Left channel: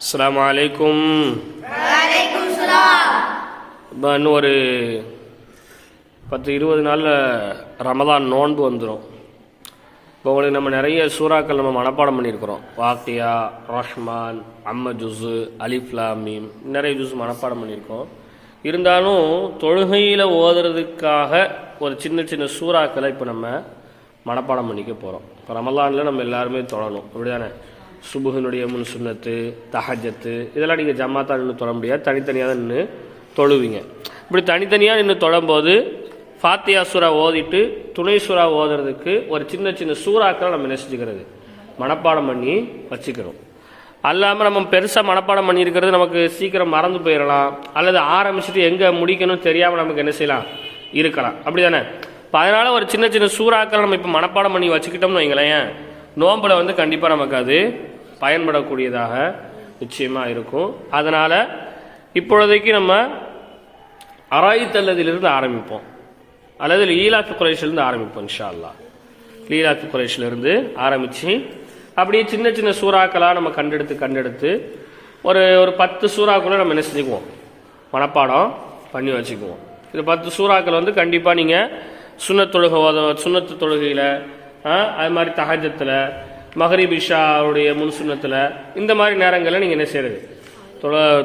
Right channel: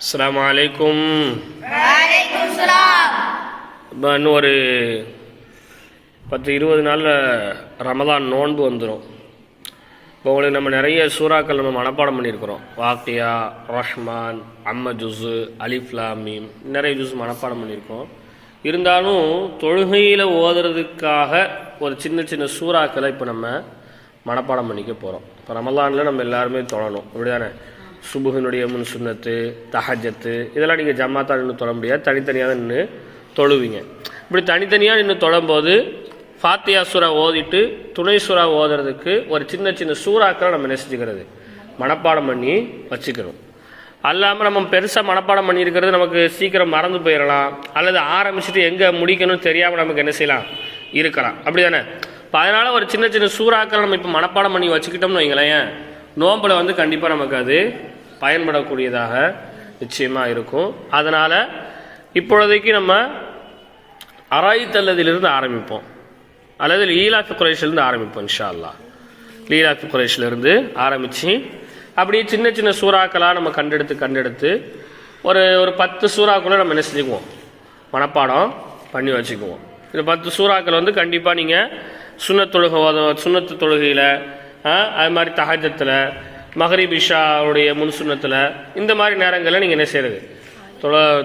அஸ்ஸலாமு அலைக்கும். இன்னும் ஒரு 10-20 நாளில் ரமதான் நோன்பு வந்துடும். இப்போ உங்களுக்கு நம்ம நிறைய சூறாக்கள் நம்ம மனப்பாடம் பண்ணியிருக்கிறோம். வாக்கியா, ரஹ்மான், அம்ம ஜுஸு, அலிஃப் லாம் மீம், நிறைய ஜுஸ் மனப்பாடம் பண்ணியிருக்கோம். இருந்தாலும் தொழுகையில் ஓதுறதுக்காக ஒரு சின்ன சின்ன சூறாக்களை இப்போ நம்ம மனப்பாடம் பண்ணிக்க போகிறோம். இப்போ ரமலானில் நம்ம எல்லாருமே தொழணும், அப்படிதானே? சுபுகினுடைய முன் சுன்னத்து, தஹஜத்து, இதெல்லாம் நீங்கள் ஜமாத்தா நின்று தொழ முடியாது, தனித்தனியாக நின்று தொழுவீங்க. இப்படி தனித்தனியாக நின்று தொழும்போது ஃபாத்தியா சூரா ஓதிட்டு துணை சூறா ஓதுறதுக்கு ஒரு சின்ன சின்ன சூறாக்களை நம்ம நெசிச்சுக்கிறது மனப்பாடம் பண்ணி வச்சுக்கிறோம். அல்லாமல் நம்ம பெருசாக மனப்பாடம் பண்ணியிருக்கிறது நமக்கு சீக்கிரம் மறந்து போயிடலாம், அல்லது ஆரம்பிச்சுட்டு எங்கே முடிக்கணும்னு தெரியாமல் நமக்கு என்ன செய்யலாம், இருக்கலாம், அப்படி தானே? இப்போ அதனால் ஒரு சின்ன சின்ன சூறாக்களை நம்ம இப்போ மனப்பாடம் பண்ணி வச்சுக்கிட்டோம்னு வைங்களேன், நோம்பில் வந்து கண்டிப்பாக நமக்கு அது பயன்படக்கூடியதாக நிச்சயமாக இருக்கும். அதனால் இப்பொழுதைக்கு நம்ம அராயித்தல்லதிலிருந்து ஆரம்பிப்போம், அல்லது லீலாஃபி குரைஷிலிருந்து ஆரம்பிப்போம். இன்ஷா அல்லாஹ் லீலாஃபி குரைஷிலிருந்து ஆரம்பித்து அப்படியே சின்ன சின்ன சூறாக்களாக நம்ம கண்டெடுத்து ஒரு 10 சூறாக்களை நம்ம என்ன செஞ்சுக்குவோம், மனப்பாடம் பண்ணி வச்சுக்குவோம். இந்த 10 சூறாக்கள் வந்து கண்டிப்பாக நீங்கள் சுன்னத்து தொழுகையில், அது மாதிரி தஹஜத்தில், மகரிப் இஷாவுடைய முன் சுன்னத்தில், இந்த மாதிரி நேரங்களில் நீங்கள் என்ன செய்கிறது,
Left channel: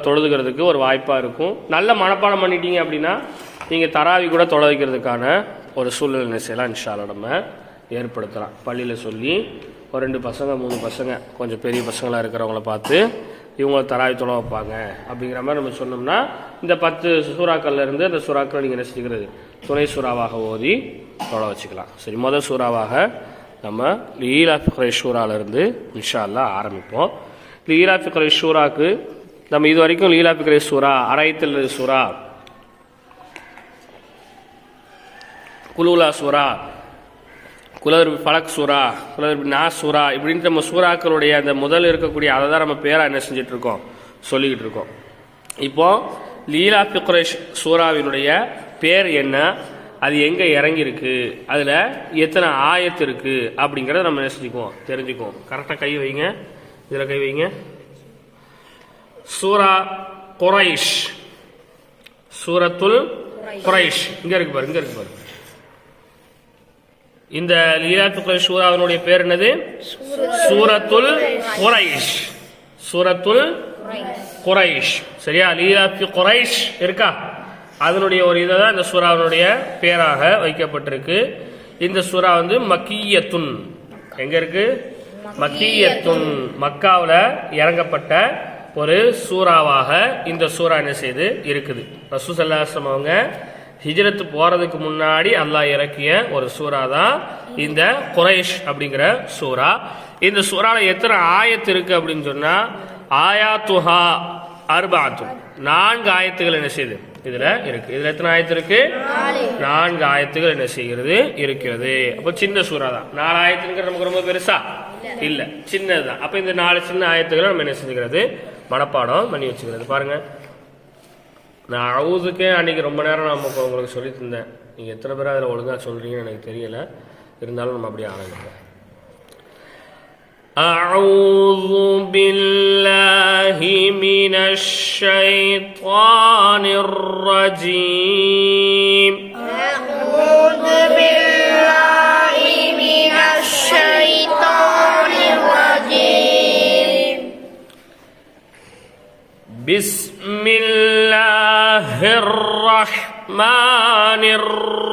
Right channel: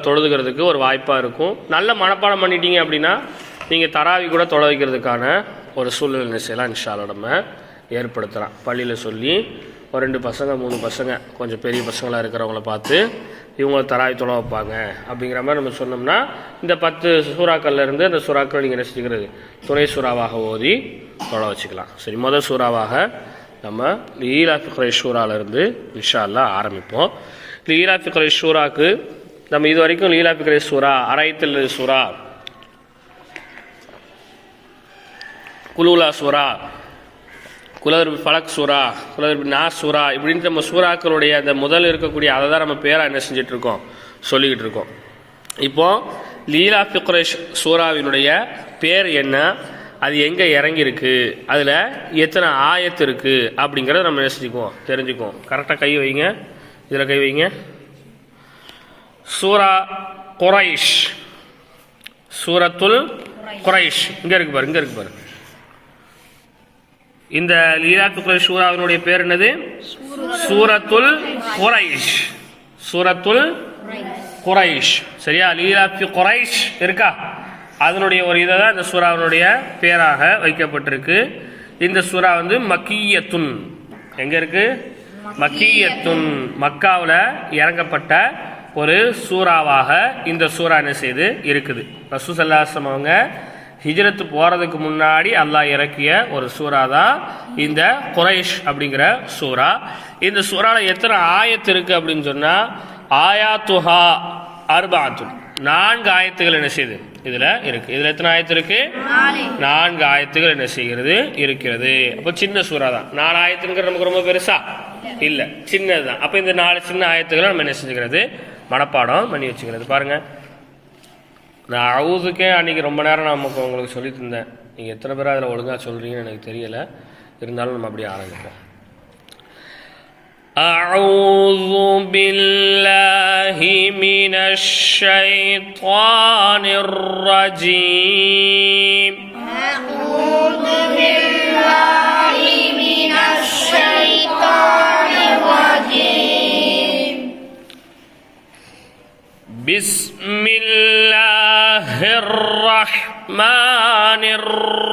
தொழுதுகிறதுக்கு ஒரு வாய்ப்பாக இருக்கும். நல்ல மனப்பாடம் பண்ணிட்டீங்க அப்படின்னா நீங்கள் தராவி கூட தொலை வைக்கிறதுக்கான ஒரு சூழ்நிலை என்ன செய்யலாம், இன்ஷா அல்லாஹ் நம்ம ஏற்படுத்தலாம். பள்ளியில் சொல்லி ஒரு 2 பசங்க 3 பசங்க கொஞ்சம் பெரிய பசங்களாக இருக்கிறவங்கள பார்த்து இவங்க தராவி தொலை வைப்பாங்க அப்படிங்கிற மாதிரி நம்ம சொன்னோம்னா இந்த 10 சூறாக்கள்லேருந்து அந்த சூறாக்களை நீங்கள் என்ன செஞ்சுக்கிறது, துணை சூறாவாக ஓதி தொலை வச்சுக்கலாம். சரி, முதல் சூறாவாக நம்ம லீலாஃபி குரைஷ் சூறாவிலிருந்து இன்ஷா அல்லாஹ் ஆரம்பிப்போம். லீலாஃபி குரைஷ் சூறாக்கு நம்ம இது வரைக்கும் லீலாஃபி குரைஷ் சூறா, அரைத்தல் சூறா, குலூலா சூறா, குலர் ஃபலக் சூறா, குலர் நாஸ் சூறா, இப்படின்னு நம்ம சூறாக்களுடைய அந்த முதல் இருக்கக்கூடிய அதை தான் நம்ம பேராக என்ன செஞ்சுட்டு இருக்கோம், சொல்லிக்கிட்டு இருக்கோம். இப்போ லீலாஃபி குரைஷ் சூறாவினுடைய பேர் என்ன, அது எங்கே இறங்கியிருக்கு, அதில் எத்தனை ஆயத்து இருக்குது அப்படிங்கிறத நம்ம என்ன செஞ்சுக்குவோம், தெரிஞ்சுக்குவோம். கரெக்டாக கை வைங்க, இதில் கை வைங்க. சூரா குரைஷ், சூரத்துல் குரைஷ், இங்கே இருக்கு பாரு, இங்கே இருக்கு பாரு. இந்த லீலாஃபி குரைஷ் சூறாவினுடைய பேர் என்னது? சூரத்துல் குரைஷ், சூரத்துல் குரைஷ். சரியா? லீலாஃபி குரைஷ் இருக்கா, அதனுடைய ஒரு இதை தான் இந்த சூறாவினுடைய பேராக வைக்கப்பட்டிருக்கு. இந்த சூறா வந்து மக்கீயத்துன், எங்க இருக்கு? மக்கீயத்துன், மக்காவில் இறங்கப்பட்ட ஒரு சூறாவாக இந்த சூறா என்ன செய்து இருக்குது. ரசூல் ஸல்லல்லாஹு அலைஹி வஸல்லம் அவங்க ஹிஜ்ரத்து போறதுக்கு முன்னாடி அல்லாஹ் இறக்கிய ஒரு சூறா தான் இந்த குரைஷ் அப்படிங்கிற சூறா. இந்த சூறால எத்தனை ஆயத்து இருக்கு அப்படின்னு சொன்னா, ஆயாத்துஹா அர்பாத்துன், 4 ஆயத்துகள் என்ன செய்யுது இதுல இருக்கு. இதுல எத்தனை ஆயத்து இருக்கு? 4 ஆயத்துகள் என்ன செய்கிறது, இருக்கிறது. அப்ப சின்ன சூறா தான். 4 ஆயத்துங்கிறது நமக்கு ரொம்ப பெருசா இல்ல, சின்னதுதான். அப்ப இந்த 4 சின்ன ஆயத்துக்களை நம்ம என்ன செஞ்சுக்கிறது, மனப்பாடம் பண்ணி வச்சுக்கிறது. பாருங்க, நான் அவுதுக்கே அன்னைக்கு ரொம்ப நேரம் நான் உங்களுக்கு சொல்லி தந்தேன். நீங்கள் எத்தனை பேர் அதில் ஒழுங்காக சொல்கிறீங்கன்னு எனக்கு தெரியலை, இருந்தாலும் நம்ம அப்படியே ஆரம்பிப்போம். அஊது பில்லாஹி மினஷ் ஷைத்தானிர் ரஜீம். அஊது பில்லாஹி மினஷ் ஷைத்தானிர் ரஜீம். பிஸ்மில்லாஹிர் ரஹ்மானிர்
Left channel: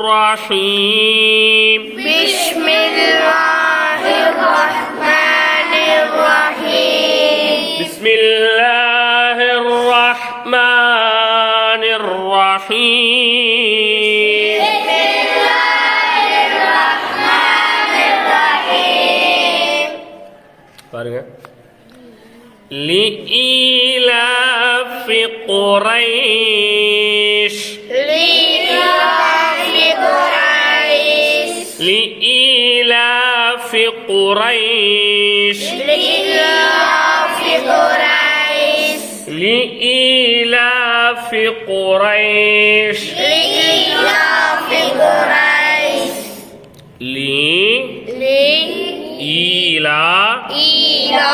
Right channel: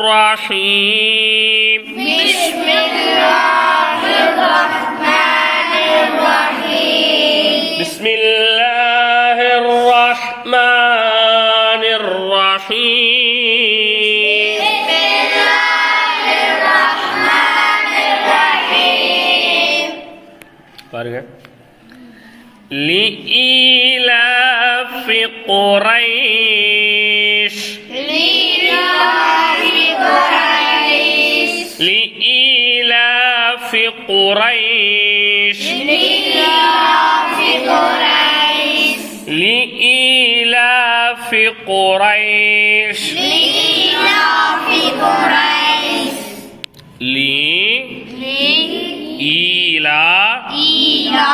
ரஹீம். பிஸ்மில்லாஹிர் ரஹ்மானிர் ரஹீம். பிஸ்மில்லாஹிர் ரஹ்மானிர் ரஹீம். பிஸ்மில்லாஹிர் ரஹ்மானிர் ரஹீம். பாருங்க, லீலாஃபி குரைஷ், லீலாஃபி குரைஷ், லீலாஃபி குரைஷ், லீலாஃபி குரைஷ், லீலாஃபி குரைஷ், லீலாஃபி குரைஷ். லீ ஈலா ஈலா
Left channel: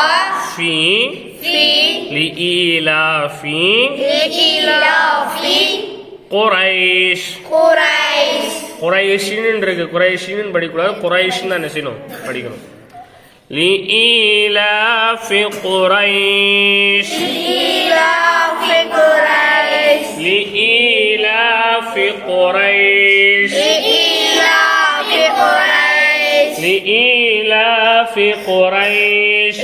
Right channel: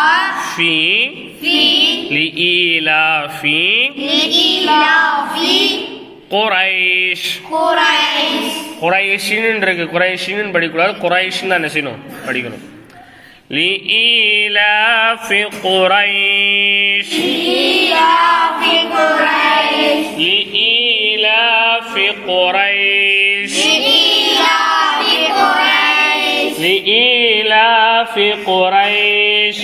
ஃபி لإيلاف குரைஷ். குரைஷின்னு இருக்கு, குரைஷின்னு படிக்கூடாது, குரைஷ்னு தான் என்ன செய்யணும், படிக்கணும். لإيلاف قريش لإيلاف قريش لإيلاف قريش لإيلاف قريش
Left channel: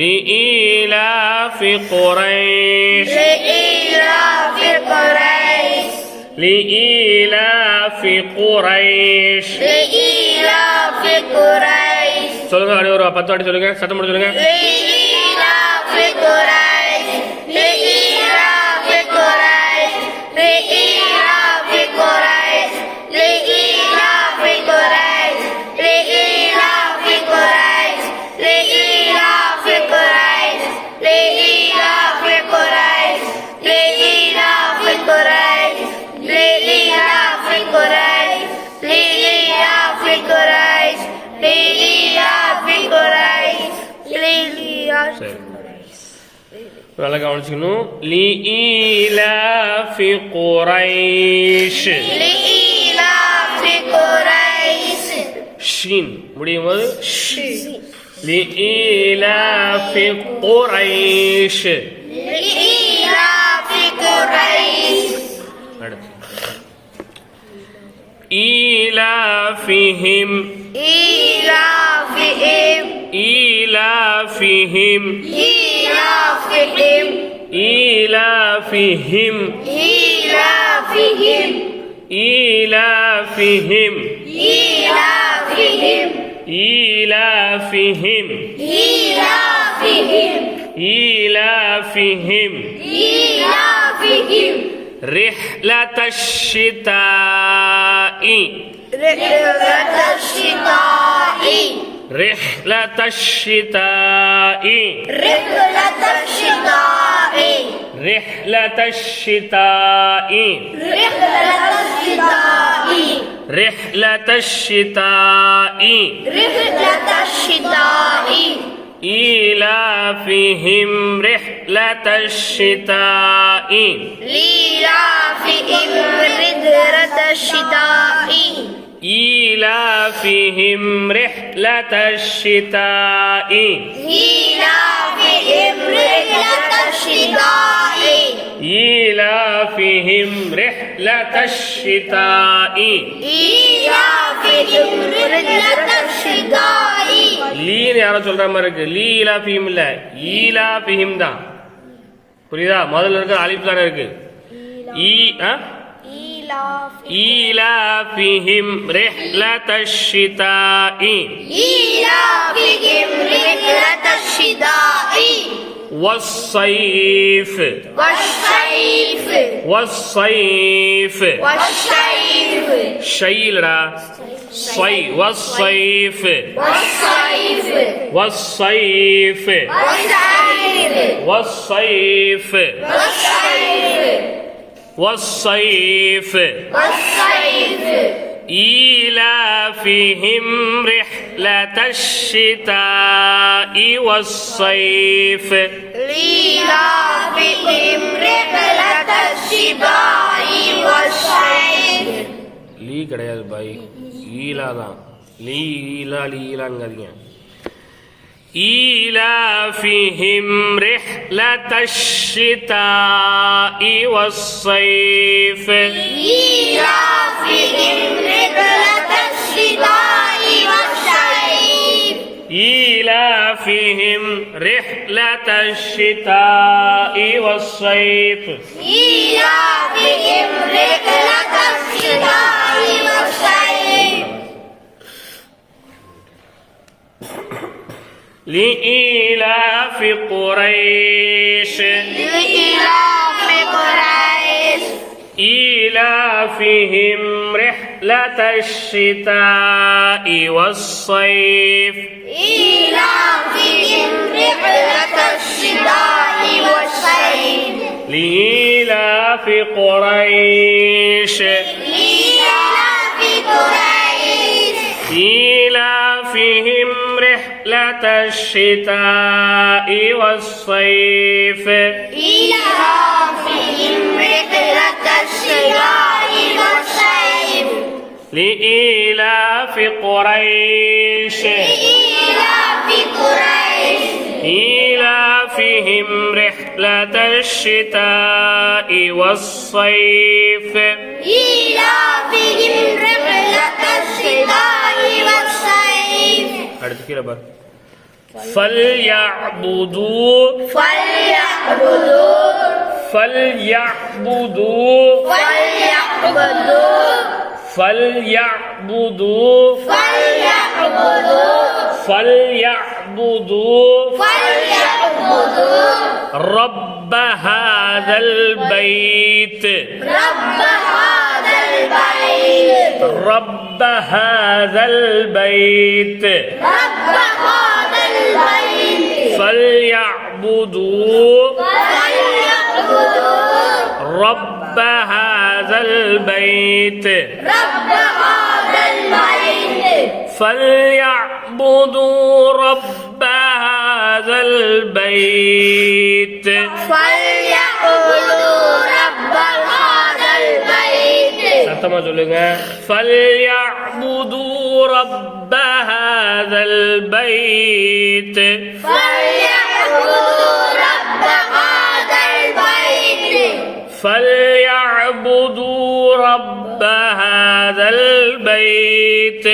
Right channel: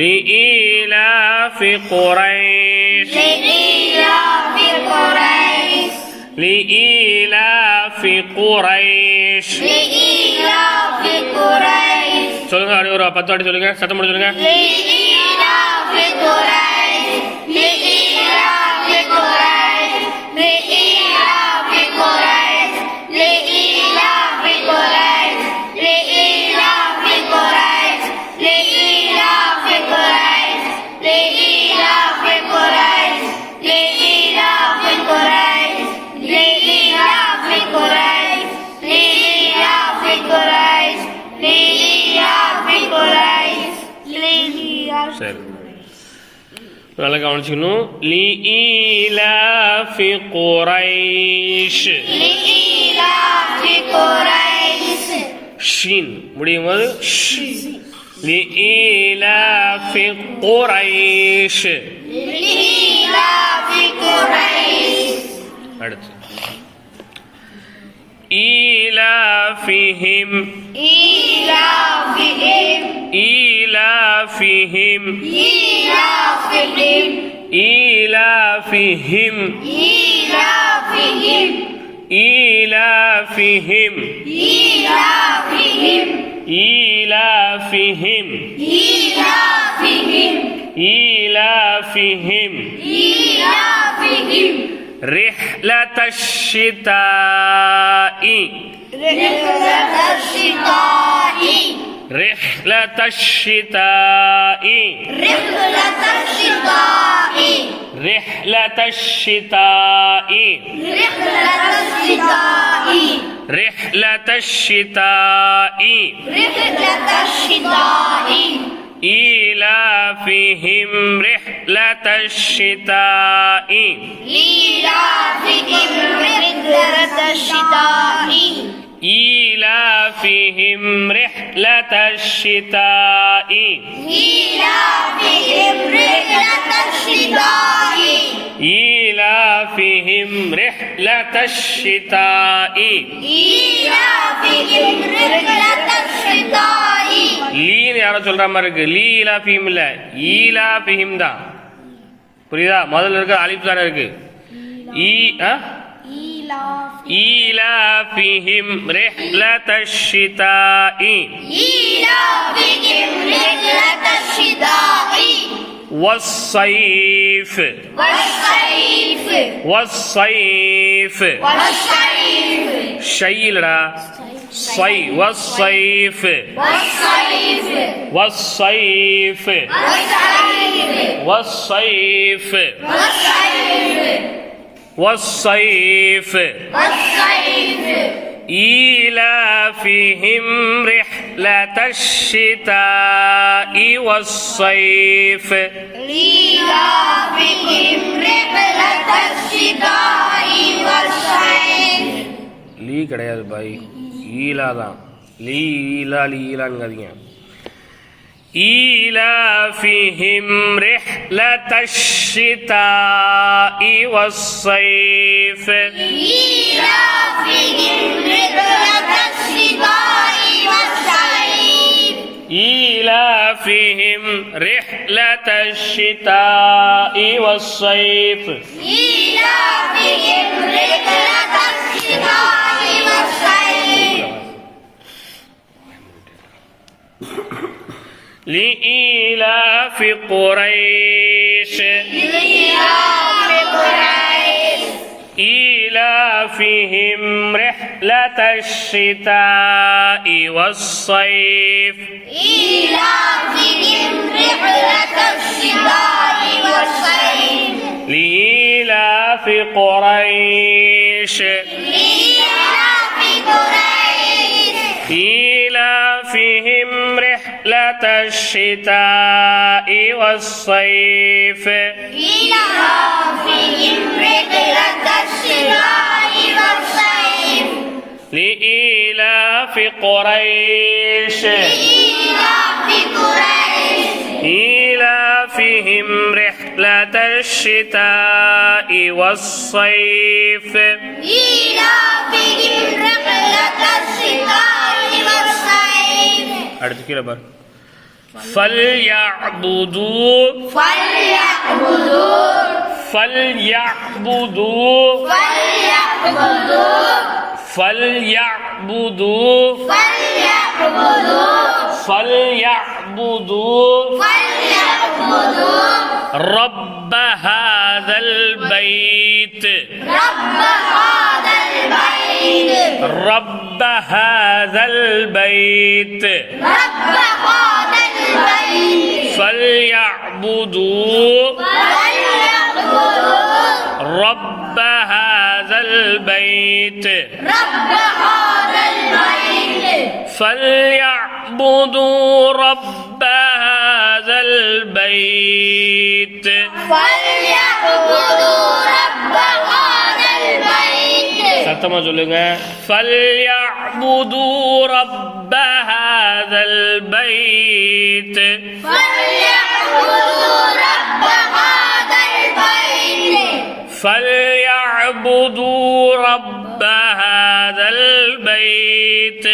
لإيلاف قريش. சொல்லுங்க, அப்படியே ஒரு 10 வாட்டி சொல்லுங்க, சத்தம் போட்டு சொல்லுங்க. சரி, நல்லா கவனிச்சுக்கணும். லீலாஃபி குரைஷ். ஷீன் முடியும் போது லீலாஃபி குரைஷ். அடுத்து ஈலாஃபிஹிம் إيلافهم إيلافهم إيلافهم إيلافهم إيلافهم إيلافهم إيلافهم إيلافهم رحلة الشتاء رحلة الشتاء رحلة الشتاء رحلة الشتاء رحلة الشتاء رحلة الشتاء رحلة الشتاء رحلة الشتاء إيلافهم رحلة الشتاء إيلافهم رحلة الشتاء إيلافهم رحلة الشتاء إيلافهم رحلة الشتاء إيلافهم رحلة الشتاء إيلافهم رحلة الشتاء. லீன்னு யாரோ சொல்ற மாதிரி இருக்கு. லீலாஃபிஹிம் இல்ல, ஈலாஃபிஹிம் தான். புரியுதா? முதல்ல இருக்க அலிஃப் தானே இருக்கு. إيلافهم رحلة الشتاء إيلافهم رحلة الشتاء والصيف والصيف والصيف والصيف شيلرا صي والصيف والصيف والصيف والصيف والصيف والصيف إيلافهم رحلة الشتاء والصيف إيلافهم رحلة الشتاء والصيف. லீ கிடையாது பாய், ஈலா தான். லீலா லீலாங்காதீங்க. إيلافهم رحلة الشتاء والصيف إيلافهم رحلة الشتاء والصيف إيلافهم رحلة الشتاء والصيف إيلافهم رحلة الشتاء والصيف. لإيلاف قريش إيلافهم رحلة الشتاء والصيف إيلافهم رحلة الشتاء والصيف لإيلاف قريش إيلافهم رحلة الشتاء والصيف إيلافهم رحلة الشتاء والصيف لإيلاف قريش إيلافهم رحلة الشتاء والصيف إيلافهم رحلة الشتاء والصيف அடுத்து கீழே பாரு فليعبدوا فليعبدوا فليعبدوا فليعبدوا فليعبدوا فليعبدوا فليعبدوا فليعبدوا رب هذا البيت رب هذا البيت رب هذا البيت رب هذا البيت فليعبدوا فليعبدوا رب هذا البيت رب هذا البيت فليعبدوا رب هذا البيت فليعبدوا رب هذا البيت சத்தமா சொல்லுங்க فليعبدوا رب هذا البيت فليعبدوا رب هذا البيت فليعبدوا رب هذا البيت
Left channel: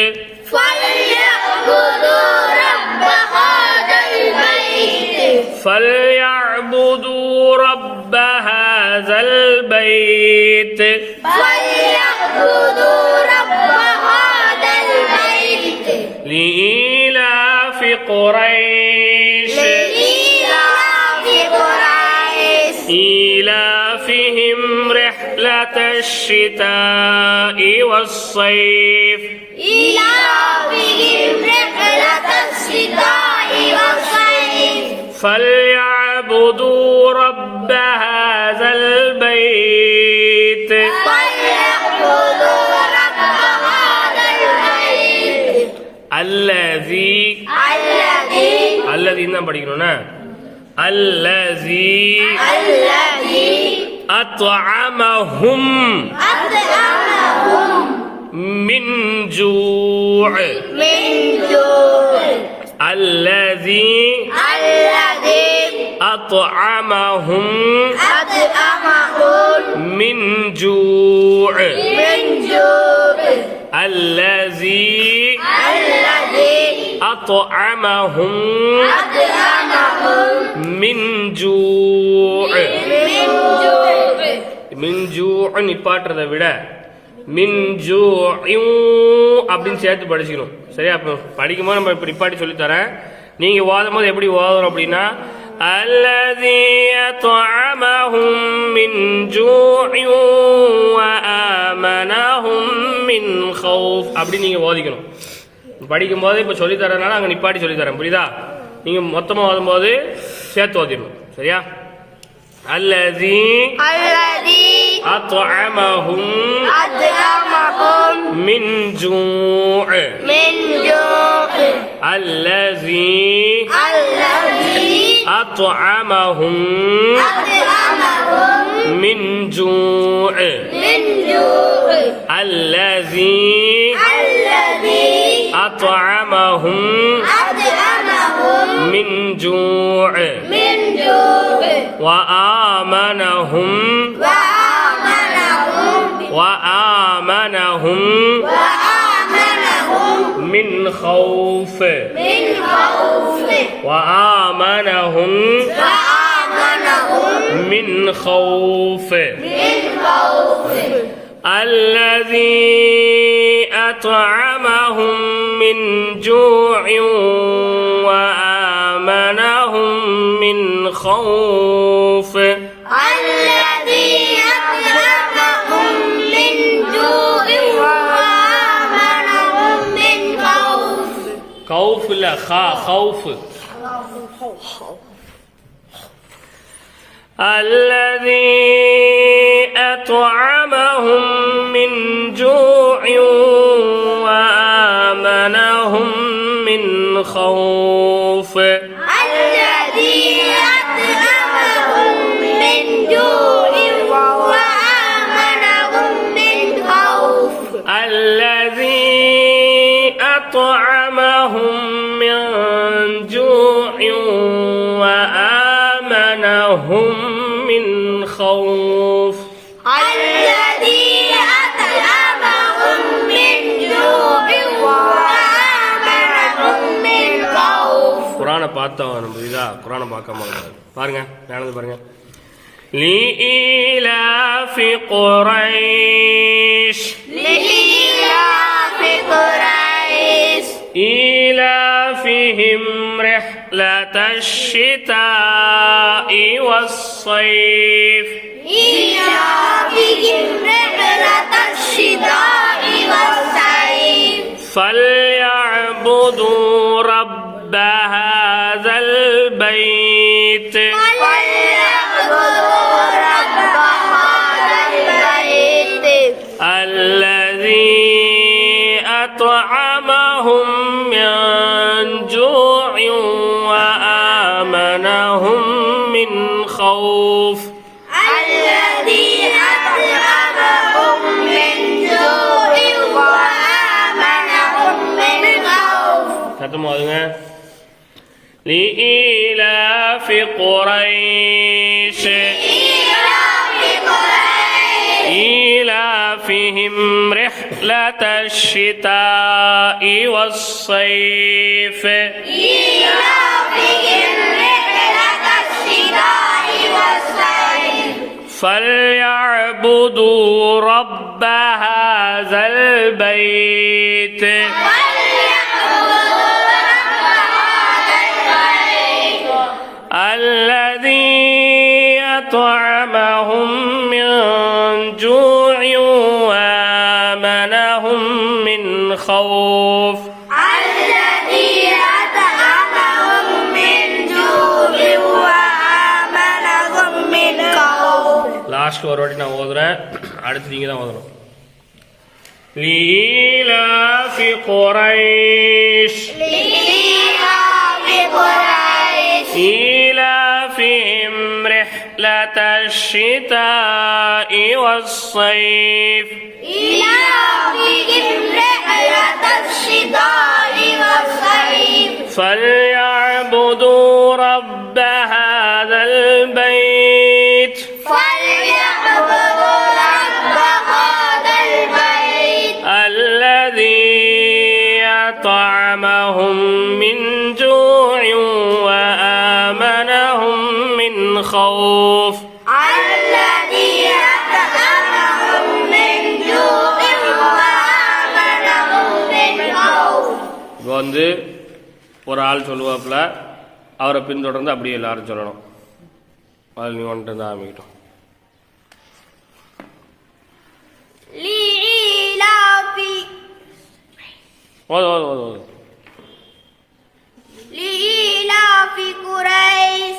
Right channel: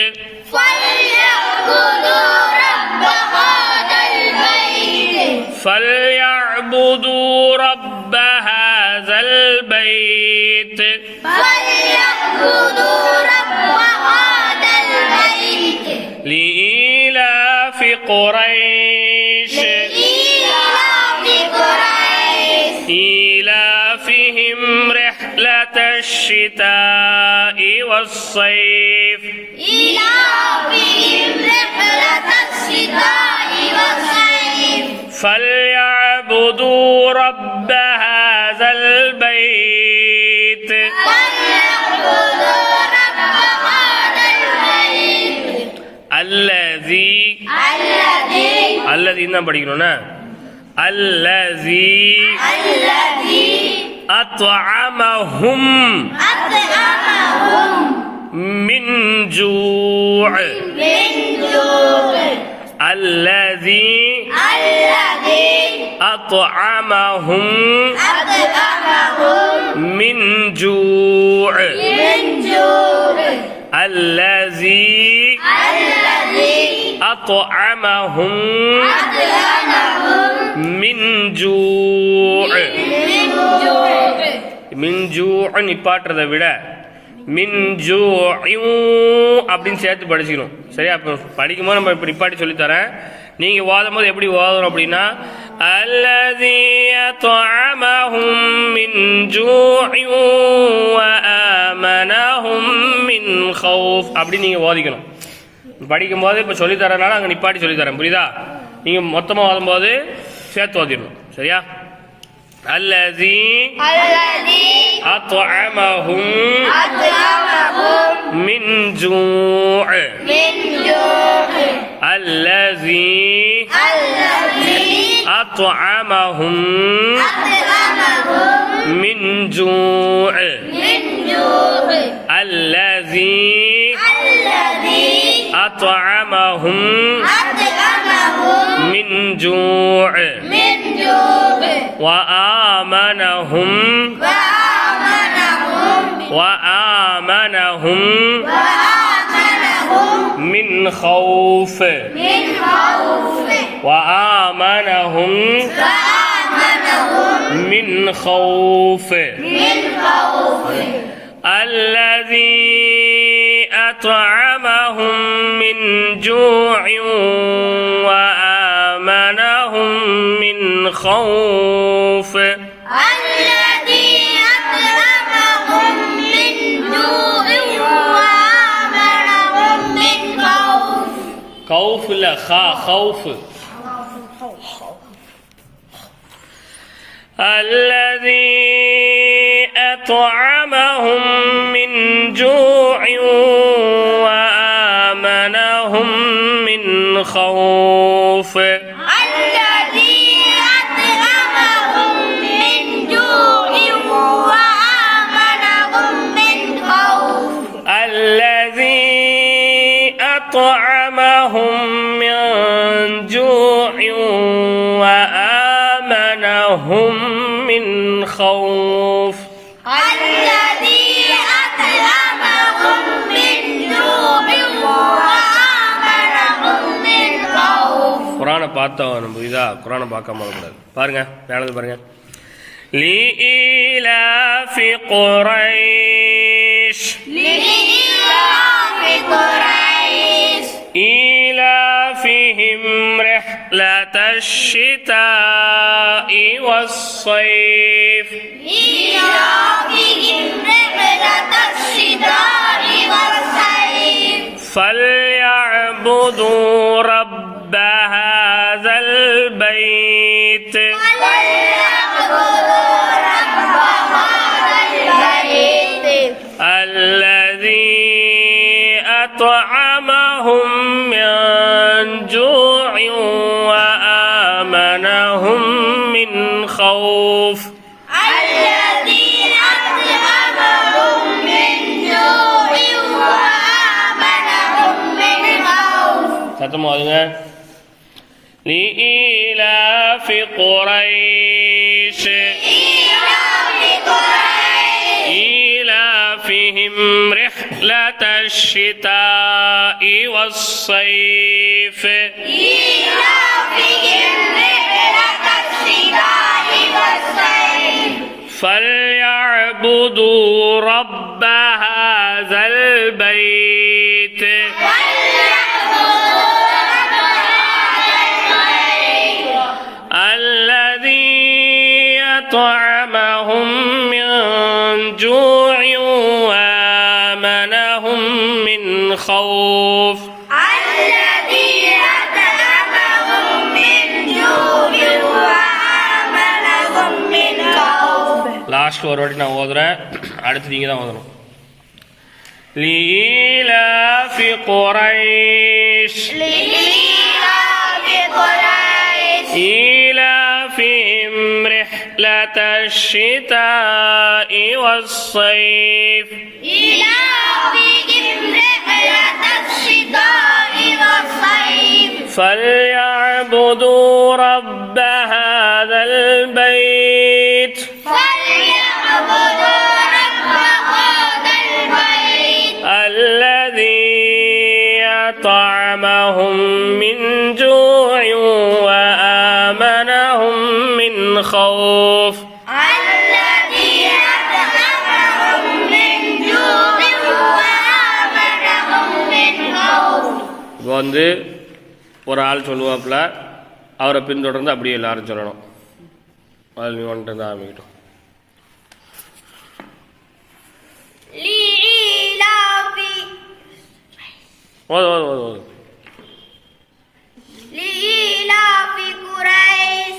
فليعبدوا رب هذا البيت فليعبدوا رب هذا البيت فليعبدوا رب هذا البيت لإيلاف قريش لإيلاف قريش إيلافهم رحلة الشتاء والصيف إيلافهم رحلة الشتاء والصيف فليعبدوا رب هذا البيت فليعبدوا رب هذا البيت الذي தான் படிக்கணும்னா الذي أطعمهم من جوع الذي أطعمهم من جوع الذي أطعمهم من جوع من جوع நிப்பாட்டுறதை விட மின் ஜூஇன் அப்படின்னு சேர்த்து படிச்சுக்கணும். சரியா? அப்போ படிக்கும்போது நம்ம இப்படி நிப்பாட்டி சொல்லித்தரேன். நீங்கள் ஓதும் போது எப்படி ஓதணும் அப்படின்னா الذي أطعمهم من جوع وآمنهم من خوف அப்படி நீங்கள் ஓதிக்கணும். படிக்கும்போது இப்போ சொல்லித்தரனால அங்கே நிப்பாட்டி சொல்லித்தரேன். புரியுதா? நீங்கள் மொத்தமாக ஓதும்போது சேர்த்து ஓதிடணும். சரியா? الذي أطعمهم من جوع الذي أطعمهم من جوع الذي أطعمهم من جوع وآمنهم من خوف وآمنهم من خوف الذي أطعمهم من جوع وآمنهم من خوف الذي أطعمهم من جوع وآمنهم من خوف خوف لا خوف الذي أطعمهم من جوع وآمنهم من خوف الذي أطعمهم من جوع وآمنهم من خوف الذي أطعمهم من جوع وآمنهم من خوف الذي أطعمهم من جوع وآمنهم من خوف குரானை பார்த்தோம் நம்ம இதா குரானை பார்க்காம இருக்கக்கூடாது. பாருங்க மேலே பாருங்க. لإيلاف قريش لإيلاف قريش إيلافهم رحلة الشتاء والصيف إيلافهم رحلة الشتاء والصيف فليعبدوا رب هذا البيت فليعبدوا رب هذا البيت الذي أطعمهم من جوع وآمنهم من خوف الذي أطعمهم من جوع وآمنهم من خوف சத்தமாதுங்க. لإيلاف قريش إيلاف قريش إيلافهم رحلة الشتاء والصيف إيلافهم رحلة الشتاء والصيف فليعبدوا رب هذا البيت فليعبدوا رب هذا البيت الذي أطعمهم من جوع وآمنهم من خوف الذي أطعمهم من جوع وآمنهم من خوف லாஸ்ட் ஒரு வாட்டி நான் ஓதுறேன், அடுத்து நீங்க தான் ஓதணும். لإيلاف قريش لإيلاف قريش إيلافهم رحلة الشتاء والصيف إيلافهم رحلة الشتاء والصيف فليعبدوا رب هذا البيت فليعبدوا رب هذا البيت الذي أطعمهم من جوع وآمنهم من خوف الذي أطعمهم من جوع وآمنهم من خوف இப்போ வந்து ஒரு ஆள் சொல்லுவாப்புல, அவரை பின்தொடர்ந்து அப்படியே எல்லாரும் சொல்லணும். அதில் நீ வந்துட்டு தான் ஆரம்பிக்கிட்டோம். لإيلاف ஓது ஓது ஓது ஓது. لإيلاف قريش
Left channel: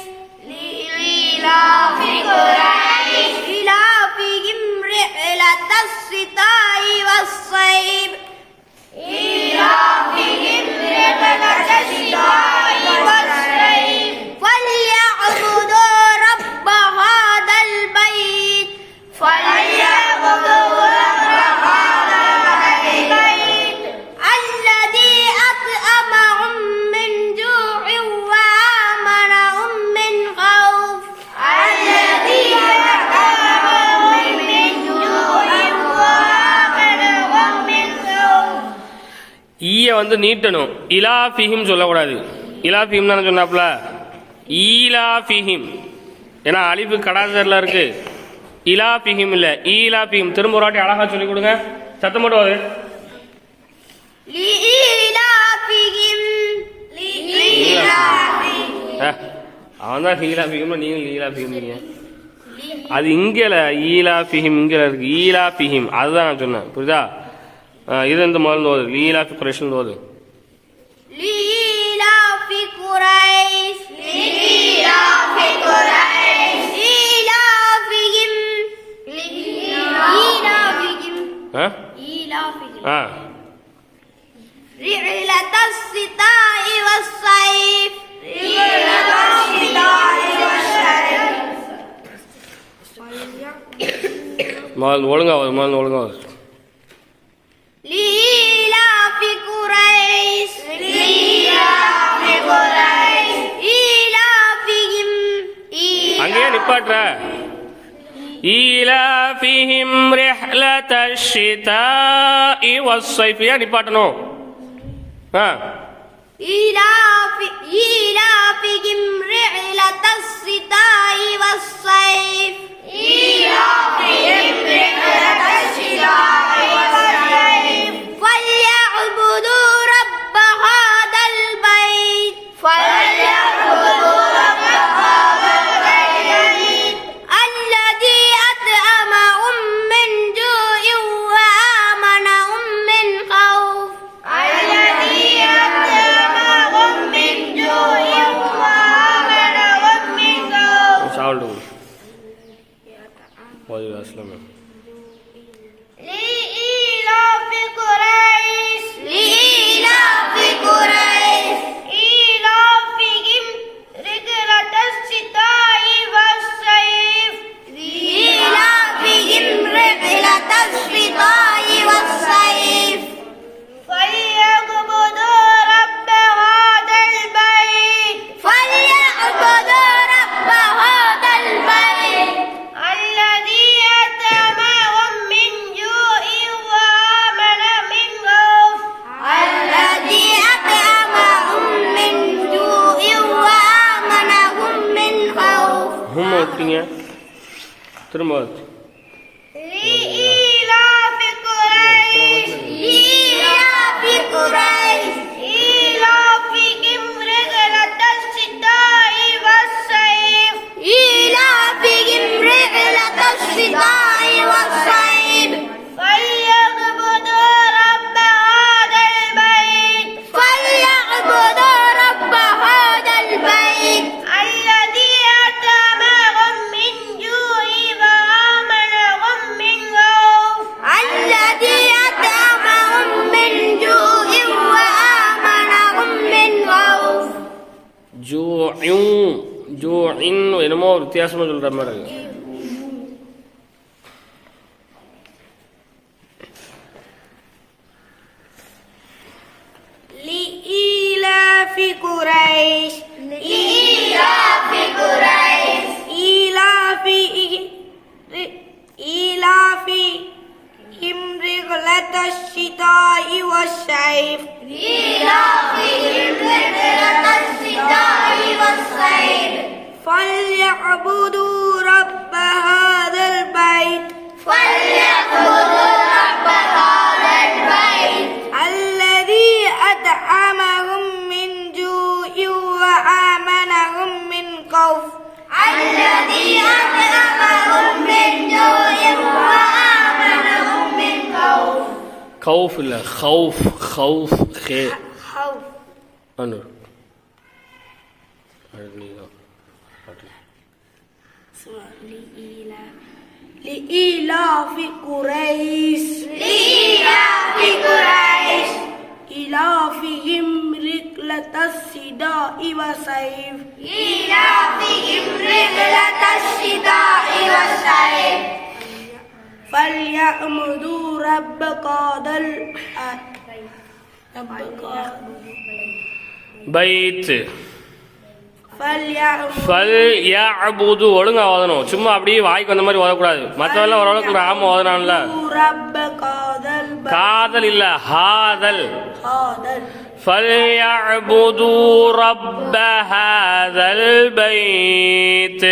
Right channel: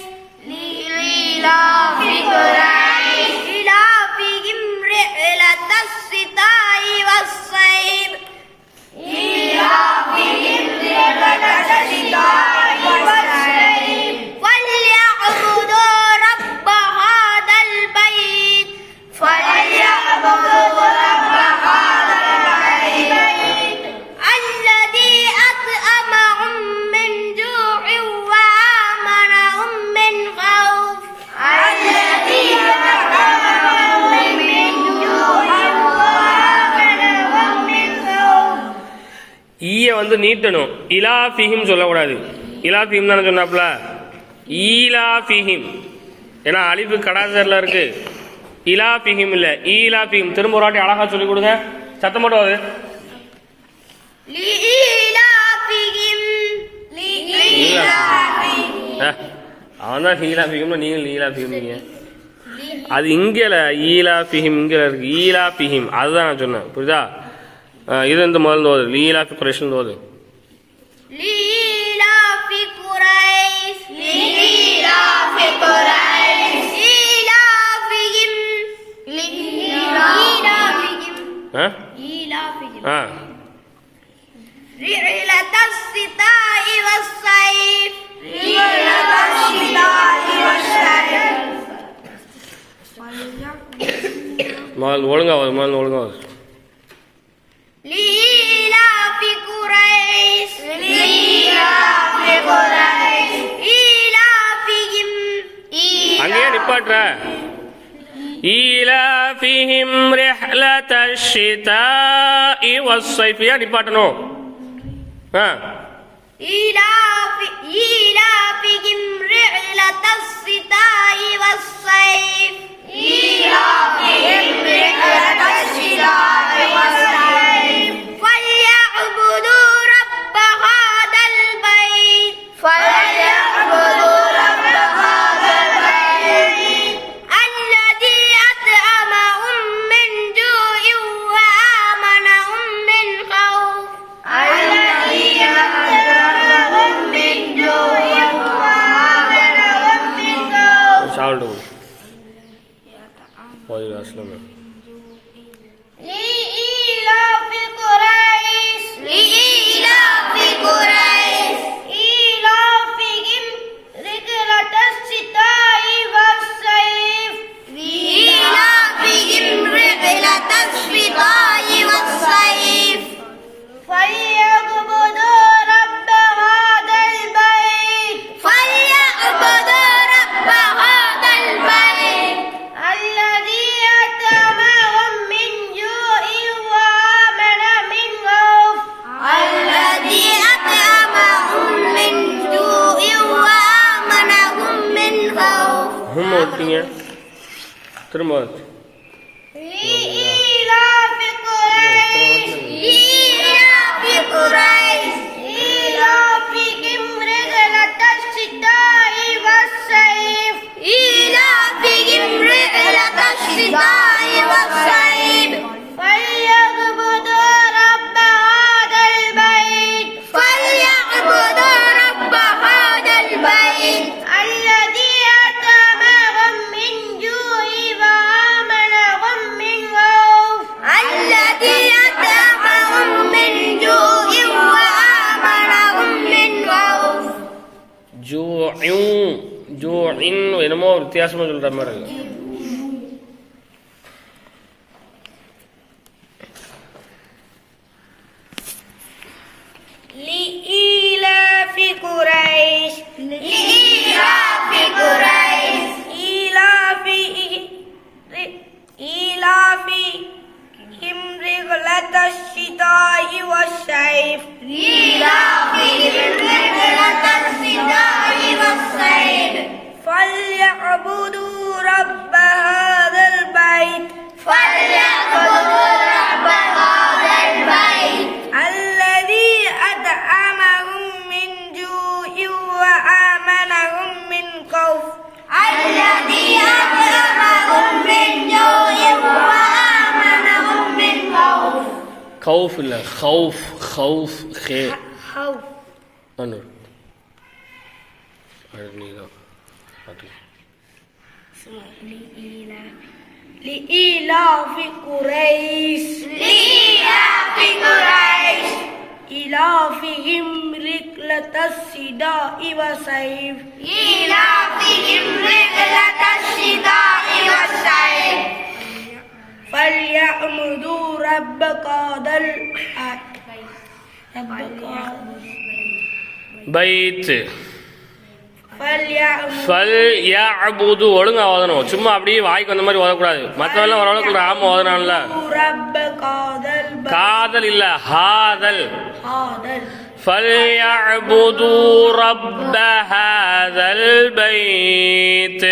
لإيلاف قريش إيلافهم رحلة الشتاء والصيف إيلافهم رحلة الشتاء والصيف فليعبدوا رب هذا البيت فليعبدوا رب هذا البيت الذي أطعمهم من جوع وآمنهم من خوف الذي أطعمهم من جوع وآمنهم من خوف ஈய வந்து நீட்டணும், இலாஃபிஹிம் சொல்லக்கூடாது. இலாஃபிஹிம் தானே சொன்னாப்ல, ஈலாஃபிஹிம், ஏன்னா அலிஃபு கடாசரில் இருக்கு. இலாஃபிஹிம் இல்லை, ஈலாஃபிஹிம். திரும்ப ஒரு வாட்டி அழகா சொல்லி கொடுங்க, சத்தம் மட்டும் அது. لإيلافهم அவன் தான் ஈலாஃபிஹிம், நீங்கள் ஈலாஃபிஹிம். அது இங்கல ஈலாஃபிஹிம், இங்கல இருக்கு ஈலாஃபிஹிம், அதுதான் நான் சொன்னேன், புரியுதா? இது இந்த முதல்ல ஓது, லீலாஃபி குறைஷன் ஓது. لإيلاف قريش لإيلاف قريش إيلافهم ஆ إيلافهم ஆ رحلة الشتاء ஒழுங்கா ஒழுங்கா لإيلاف قريش إيلافهم அங்கேயே நிப்பாட்டுற ஈலாஃபிஹிம் ரிஹ்லத்தஷ் ஷிதாஇ வஸ்ஸைஃப் ஏன் நிப்பாட்டணும் إيلافهم رحلة الشتاء والصيف فليعبدوا رب هذا البيت الذي أطعمهم من جوع وآمنهم من خوف சால்டு போய் அஸ்லாம் لإيلاف قريش إيلافهم رحلة الشتاء والصيف فليعبدوا رب هذا البيت الذي أطعمهم من جوع وآمنهم من خوف ஹும் ஓட்டிங்க திரும்ப لإيلاف قريش إيلافهم رحلة الشتاء والصيف فليعبدوا رب هذا البيت الذي أطعمهم من جوع وآمنهم من خوف ஜூஇன் என்னமோ வித்தியாசமா சொல்ற மாதிரி இருக்கு لإيلاف قريش إيلافهم رحلة الشتاء والصيف فليعبدوا رب هذا البيت الذي أطعمهم من جوع وآمنهم من خوف கௌஃப் இல்ல ஹவுஃப் ஹே அனு நீதான் لإيلاف قريش إيلافهم رحلة الشتاء والصيف فليعبدوا رب هذا பைத் فليعبدوا ஃபல் யஅபுது ஒழுங்கா ஓதணும் சும்மா அப்படியே வாய்க்கு வந்த மாதிரி ஓதக்கூடாது மற்றவெல்லாம் ஓரளவுக்கு ராம ஓதனான்ல رب هذا البيت காதல் இல்ல ஹாதல் هذا فليعبدوا رب هذا البيت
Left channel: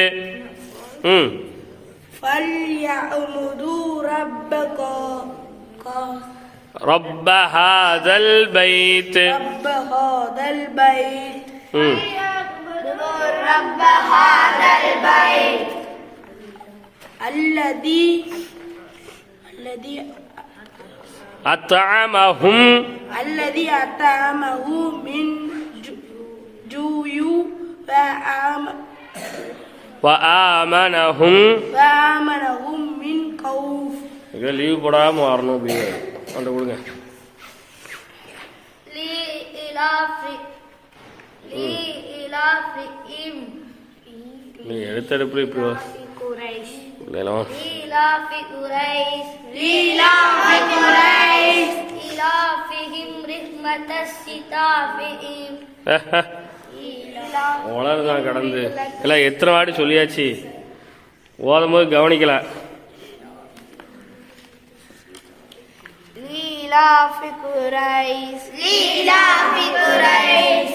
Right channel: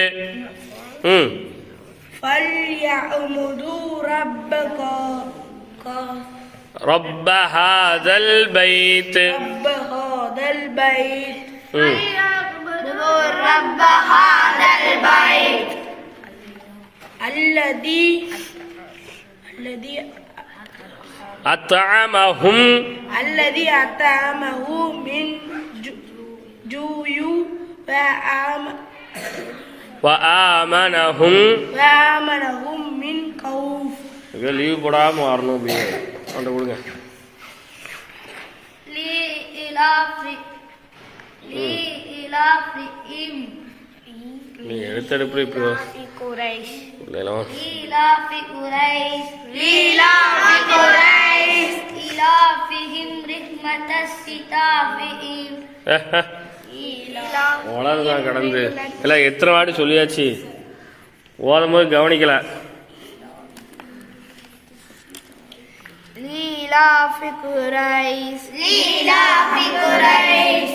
فليعبدوا رب رب هذا البيت رب هذا البيت الذي أطعمهم من جوع وآمنهم من خوف லீவ் போடாம வரணும் அப்படியே அந்த கொடுங்க لإيلافهم நீ எடுத்தெடுப்பு இப்படி قريش தினம் لإيلاف قريش لإيلاف قريش إيلافهم رحمة الشتاء வளருதான் கடந்து இல்லை எத்தனை வாட்டி சொல்லியாச்சு ஓதும் போது கவனிக்கல لإيلاف قريش لإيلاف قريش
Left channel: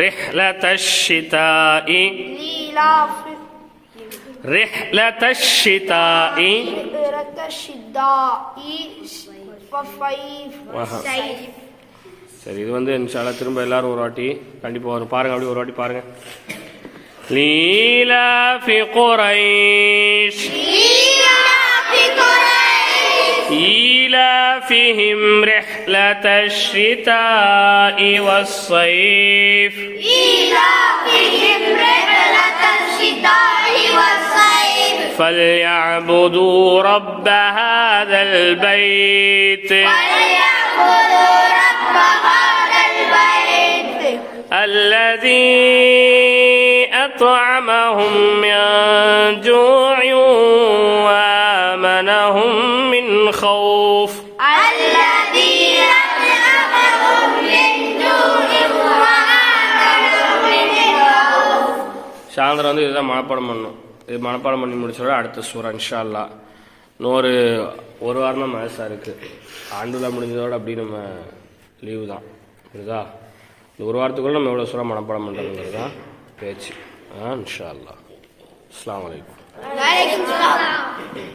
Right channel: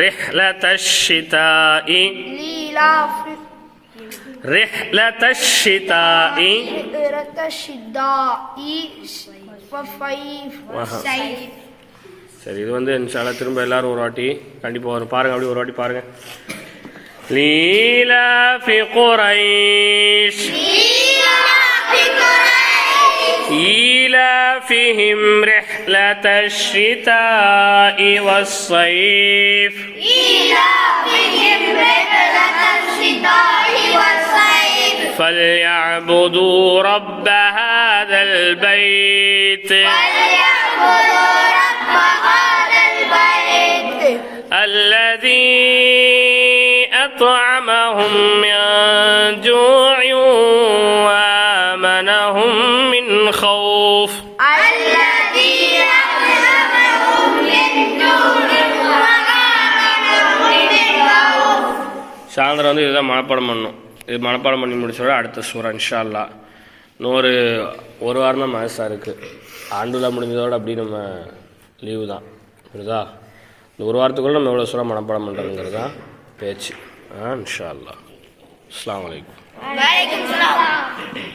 رحلة الشتاء لإيلاف رحلة الشتاء رحلة الشتاء والصيف சரி இது வந்து இன்ஷால்லா திரும்ப எல்லாரும் ஒரு வாட்டி கண்டிப்பாக வரும் பாருங்க அப்படி ஒரு வாட்டி பாருங்க لإيلاف قريش إيلافهم رحلة الشتاء والصيف إيلافهم رحلة الشتاء والصيف فليعبدوا رب هذا البيت فليعبدوا رب هذا البيت الذي أطعمهم من جوع وآمنهم من خوف الذي أطعمهم من جوع وآمنهم من خوف சாயந்தரம் வந்து இதுதான் மனப்பாடம் பண்ணணும். இது மனப்பாடம் பண்ணி முடிச்சோட அடுத்த சூறா இன்ஷா அல்லாஹ். இன்னொரு ஒரு வாரம் தான் மேட்சாக இருக்குது. ஆண்டுல முடிஞ்சதோடு அப்படி நம்ம லீவு தான் புரியுதா. இந்த ஒரு வாரத்துக்குள்ளே நம்ம எவ்வளோ சூறா மனப்பாடம் பண்ணுறதுங்கிறது தான் பேச்சு. இன்ஷா அல்லாஹ். அஸ்ஸலாமு அலைக்கும். وعليكم السلام